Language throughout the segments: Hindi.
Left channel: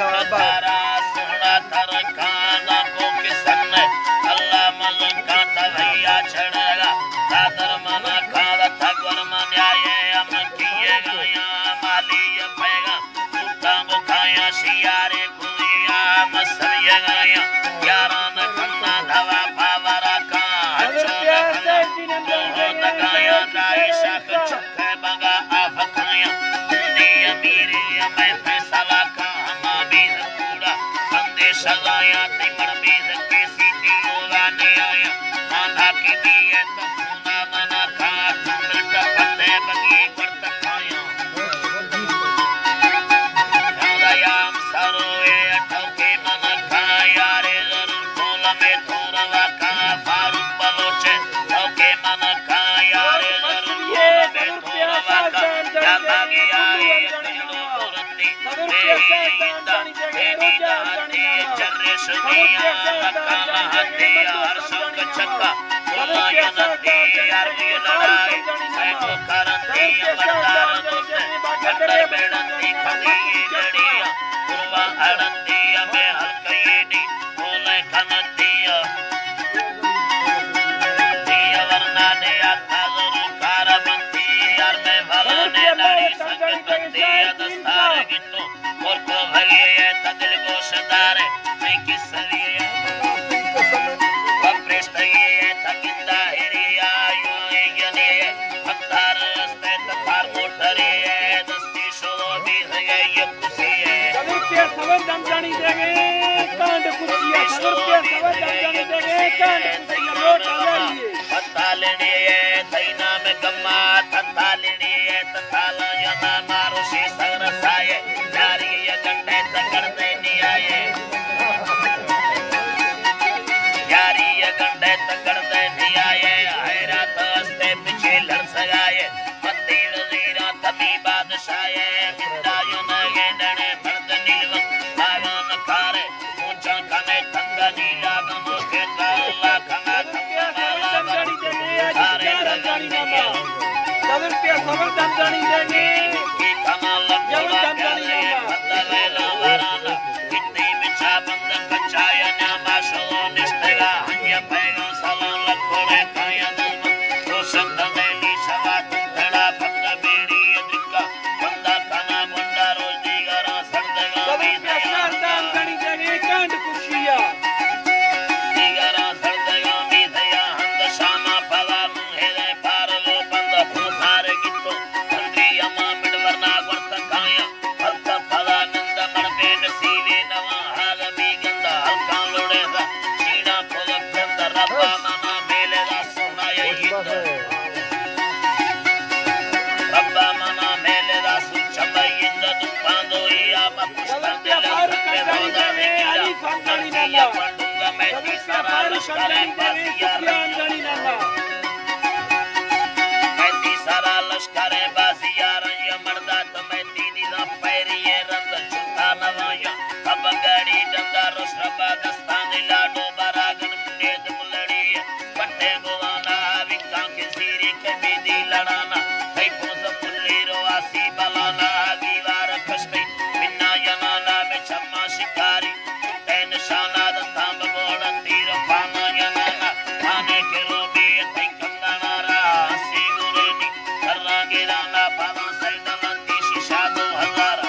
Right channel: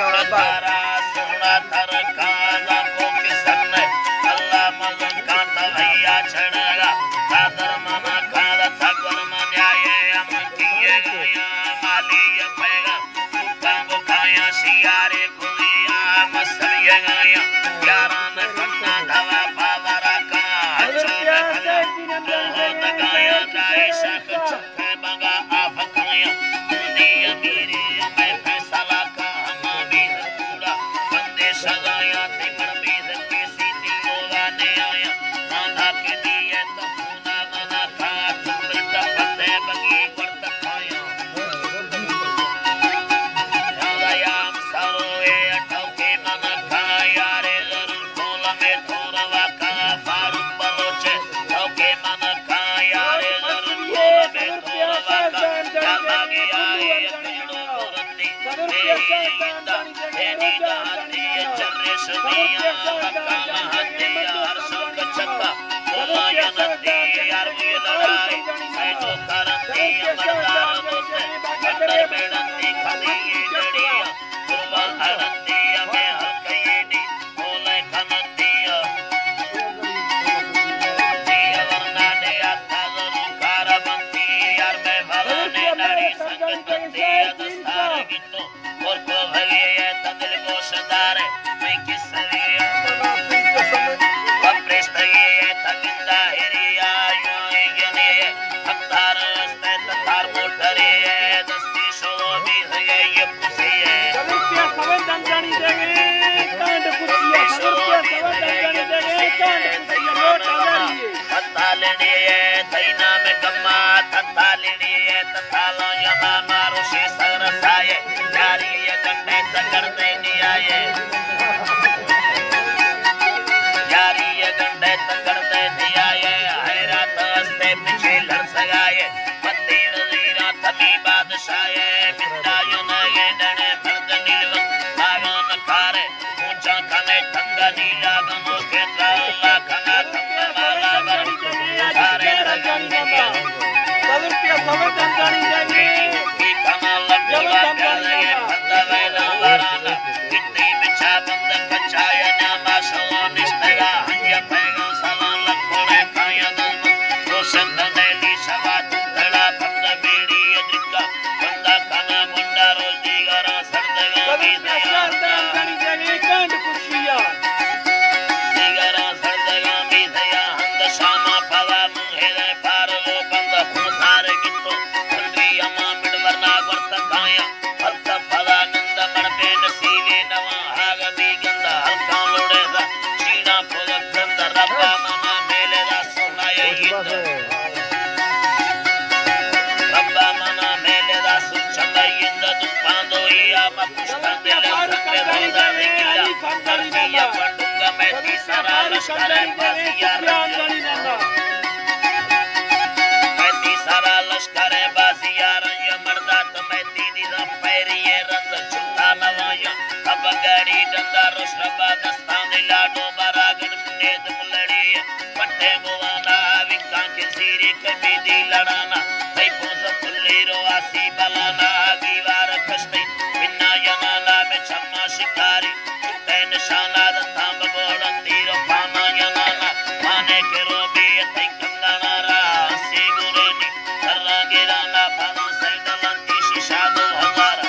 तारा सोना थर खाना को किसन अल्लाह मज़न का तवैया छड़ेगा तादर मना खाला थगर मन्याये हम किए गया माली ये पैगा उठा बुखाया सियारे खुदिया मसरिए गया यारान कन्ना धवा पावरा का अच्छो बहुत गाया दाइशा चुखे बगा आप खाया हिंदी अमीरी मैं फैसला का हमारी कूड़ा बंदे सजाया तिमर बीज के सीधी होगा ने आया नाना की दिए तो पूना मना खा तुम बंदे बगी वर्त खाया याम सरोए ठोके मना खा यारे जरूर खोल में थोड़ा का फारूक बलोचे ठोके मना खा यारे जरूर खोल में थोड़ा का या बागी आए कचड़ो रत्ती तेरी दाती चर्रे सुनिया मक्का महती हर संग चक्का बोला यनती यार ये लड़ाई मैं तो करती मर्दार मुझसे अंदर बेड़ती खड़ी जड़िया पूर्वा अड़ती मैं हल्की नी बोले खनती दिया वरना ने आता जरूर कारबंती यार मैं भला ने नारी संगतती दस्तार गिट्टो और को भगे ये तदिल गोशदार मैं किस लिए वप्रेष्ठ ये तगिंदा हिरिया यो यने हक्तार स्ते तकार मोटरे दस्ती शोलो भी है ये कुर्सी है रुपया सवर जानकारी देंगे कांड कुर्सिया रुपया सवर जानकारी देंगे कांड कुर्सिया वोट आ जाइए तथा लेने थैना में गम्मा तथा लेने तथा यना मारो से सरसाए जारी ये गंडे तकर दे नियाये जारी ये गंडे तकर दे नियाये हैरात हस्ते पीछे लड़ सगाए मत्ती वजीरा तमी बादशाहे मिंदा यना ये डने मर्द नीलव बागन खारे ऊंचा कने ठंगा नीला गमो के अल्लाह खना खंगा माला बड़ी सारे रजनी रुपया सवर जानकारी देंगे की कना लगवा प्यारे बंदा वेला वराना जिंदगी में छा बंद बचाया ना माशो निस्तया हंजे पैगो सलाम लखने काया दम तो संदने ली सवा तुंगड़ा बंद बेड़ी अद्रिका बंदा कना गुंडा रोजी गरा सरदगा भी दया जानकारी देंगे कांड कुर्सिया दिगरा सरदगा भी दया हंद शामा पवा मुहेले पारलो बंद फुसार गिट्टो कंदी अमा मिडवरना वर्त काया हल्क फला नंद मड़बे नसीबे नवा हाग भी गंदा हल्का लोड़े सा चीना पोग गंद रब्बा मना मेले दा सोना यिंद रब्बा मना मेले दा सुचंद यिंद दुपांदो या मकुष्टा दिल संगे रोदा विकिला अर्जिया पंडुंगा मेटी सारा लश्कर बासिया जानकारी नंदा मैती सारा लश्कर बासिया रंग मर्दा तमैती निजा पैरिये रंद छुटा नवाया अब गाड़ी डंदा रोशरबा दस्तान लाडो बरागन मुंडेद मुलड़ी पट्टे बुवाना विका के सीरे के बेदी लड़ाना कई पोस फुल्ली रोआसी बलाना गीवार खस्ती बिना यनाना में छम्मा शिकारी छुट्टे निशाना दतांब गोड़ तीर पाना यनाना माने के रोबी तई कंगना रा हसी गुरेनी सर्रा गिराना पाना सैडलंती शीशा 2000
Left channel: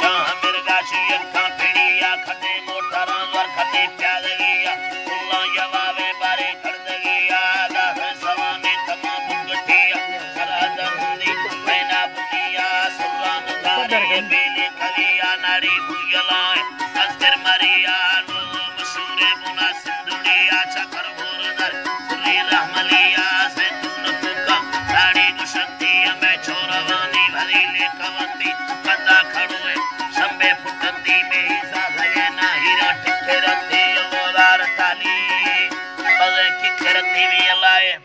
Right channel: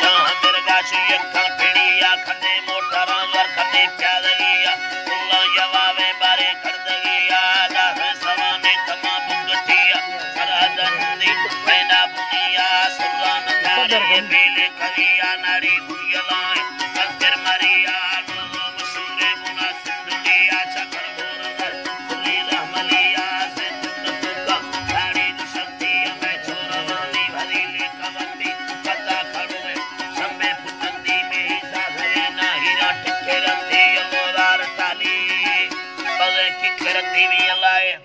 चाह मिर्गा यक्का पिड़िया खटे मोटरा वर खटे प्यादगिया उल्ला यवावे बारे खड़दगिया दाहे सवाने तमा बुगटिया सरहदंदी मैना बुनिया सुरान गारी बेले कविया नारी बुयलाए तस्कर मरिया नो मसूरे बुना सिंधुलिया चकर भोरदर सुली रहमलिया से तुनका साड़ी गुशक्ति में छोरवानी भरी ले कवंती पता खड़ोए संबे फुटंदी में ही साधे ना हीरा टिके रखती मोदार ताली बजे की करती भी लाए